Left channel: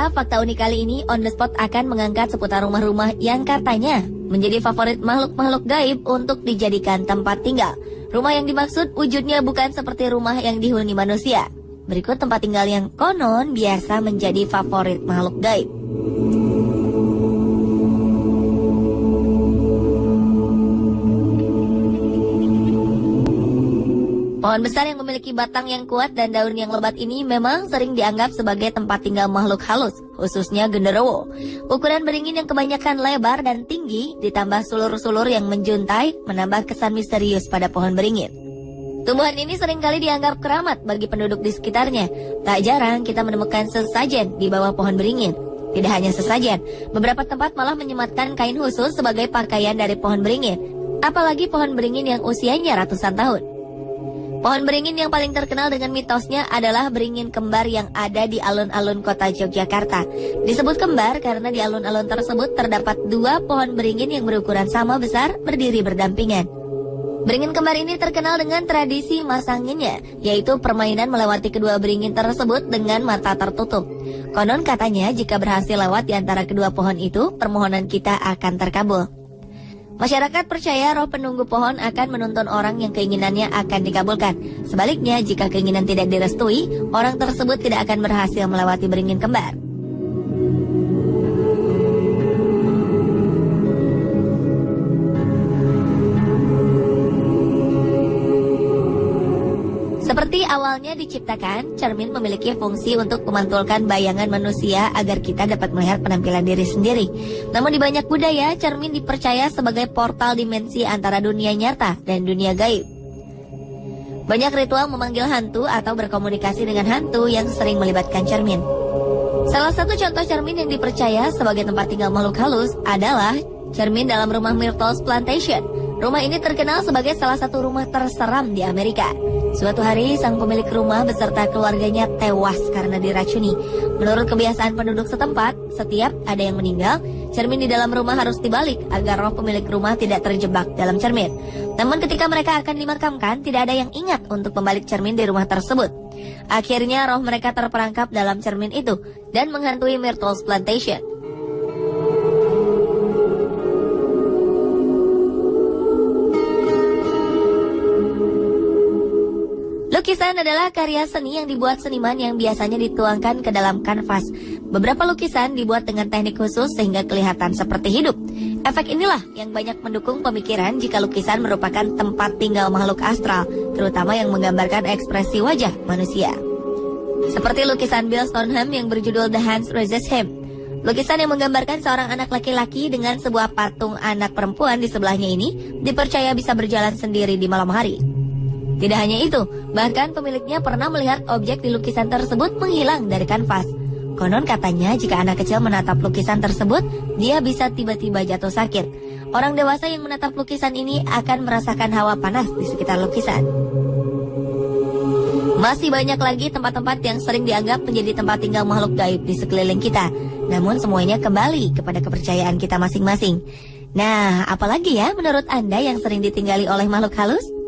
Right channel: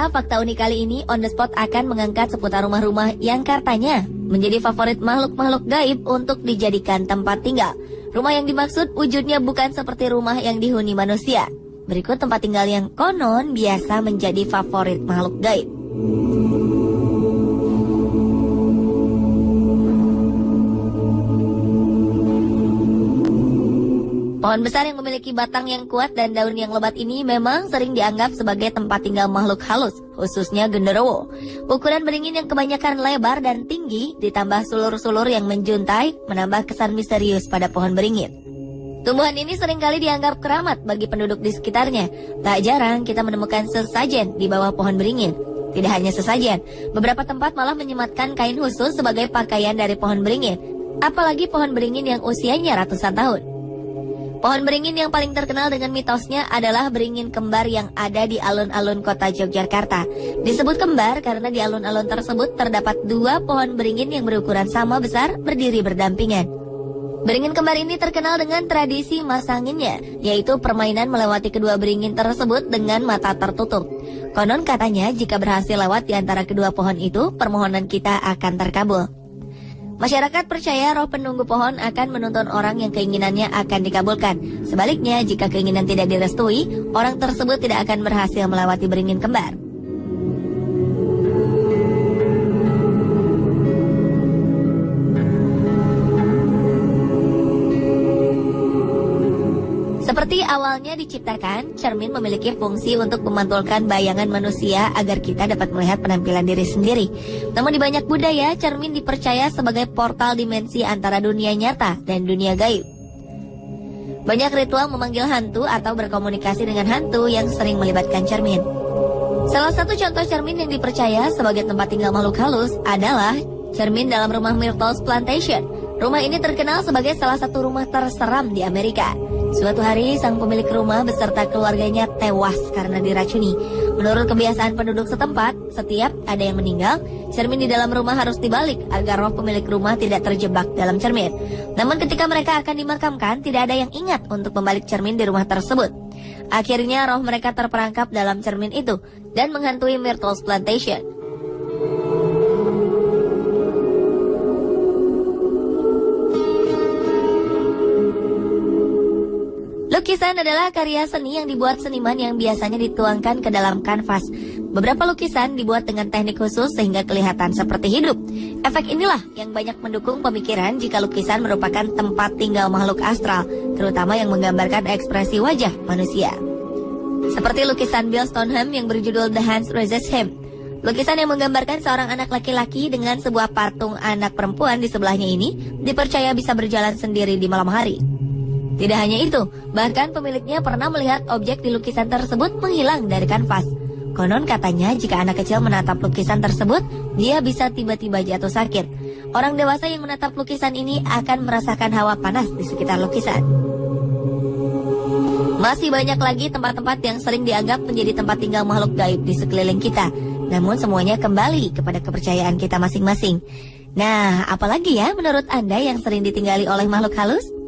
kita, fakta unik kali ini On The Spot akan mengangkat seputar rumah-rumah yang katanya menjadi favorit makhluk-makhluk gaib untuk dijadikan tempat tinggal. Rumah yang dimaksud wujudnya bukan seperti rumah yang dihuni manusia. Berikut tempat tinggal yang konon biasa menjadi favorit makhluk gaib. Pohon besar yang memiliki batang yang kuat dan daun yang lebat ini memang sering dianggap sebagai tempat tinggal makhluk halus, khususnya genderuwo. Ukuran beringin yang kebanyakan lebar dan tinggi, ditambah sulur-sulur yang menjuntai, menambah kesan misterius pada pohon beringin. Tumbuhan ini seringkali dianggap keramat bagi penduduk di sekitarnya. Tak jarang kita menemukan sesajen di bawah pohon beringin. Tidak hanya sesajen, beberapa tempat malah menyematkan kain khusus sebagai pakaian dari pohon beringin. Apalagi pohon beringin yang usianya ratusan tahun. Pohon beringin yang paling terkenal dengan mitosnya adalah beringin kembar yang ada di alun-alun kota Yogyakarta. Disebut kembar karena di alun-alun tersebut terdapat dua pohon beringin yang berukuran sama besar berdiri berdampingan. Beringin kembar ini terkenal dengan tradisi masanginnya, yaitu permainan melewati kedua beringin tersebut dengan mata tertutup. Konon katanya jika berhasil lewat di antara kedua pohon itu, permohonan kita akan terkabul. Masyarakat percaya roh penunggu pohon akan menuntun orang yang keinginannya akan dikabulkan. Sebaliknya, jika keinginan tidak direstui, orang tersebut tidak akan berhasil melewati beringin kembar. Seperti awalnya diciptakan, cermin memiliki fungsi untuk memantulkan bayangan manusia agar kita dapat melihat penampilan diri sendiri. Namun di banyak budaya, cermin dipercaya sebagai portal dimensi antara dunia nyata dan dunia gaib. Banyak ritual memanggil hantu atau berkomunikasi dengan hantu yang sering melibatkan cermin. Salah satu contoh cermin yang dipercaya sebagai tempat tinggal makhluk halus adalah cermin dalam rumah Myrtle's Plantation. Rumah ini terkenal sebagai salah satu rumah terseram di Amerika. Suatu hari, sang pemilik rumah beserta keluarganya tewas karena diracuni. Menurut kebiasaan penduduk setempat, setiap ada yang meninggal, cermin di dalam rumah harus dibalik agar roh pemilik rumah tidak terjebak dalam cermin. Namun ketika mereka akan dimakamkan, tidak ada yang ingat untuk membalik cermin di rumah tersebut. Akhirnya roh mereka terperangkap dalam cermin itu dan menghantui Myrtle's Plantation. Lukisan adalah karya seni yang dibuat seniman yang biasanya dituangkan ke dalam kanvas. Beberapa lukisan dibuat dengan teknik khusus sehingga kelihatan seperti hidup. Efek inilah yang banyak mendukung pemikiran jika lukisan merupakan tempat tinggal makhluk astral, terutama yang menggambarkan ekspresi wajah manusia. Seperti lukisan Bill Stoneham yang berjudul The Hands Resist Him. Lukisan yang menggambarkan seorang anak laki-laki dengan sebuah patung anak perempuan di sebelahnya ini dipercaya bisa berjalan sendiri di malam hari. Tidak hanya itu, bahkan pemiliknya pernah melihat objek di lukisan tersebut menghilang dari kanvas. Konon katanya jika anak kecil menatap lukisan tersebut, dia bisa tiba-tiba jatuh sakit. Orang dewasa yang menatap lukisan ini akan merasakan hawa panas di sekitar lukisan. Masih banyak lagi tempat-tempat yang sering dianggap menjadi tempat tinggal makhluk gaib di sekeliling kita. Namun semuanya kembali kepada kepercayaan kita masing-masing. Nah, apalagi ya menurut Anda yang sering ditinggali oleh makhluk halus?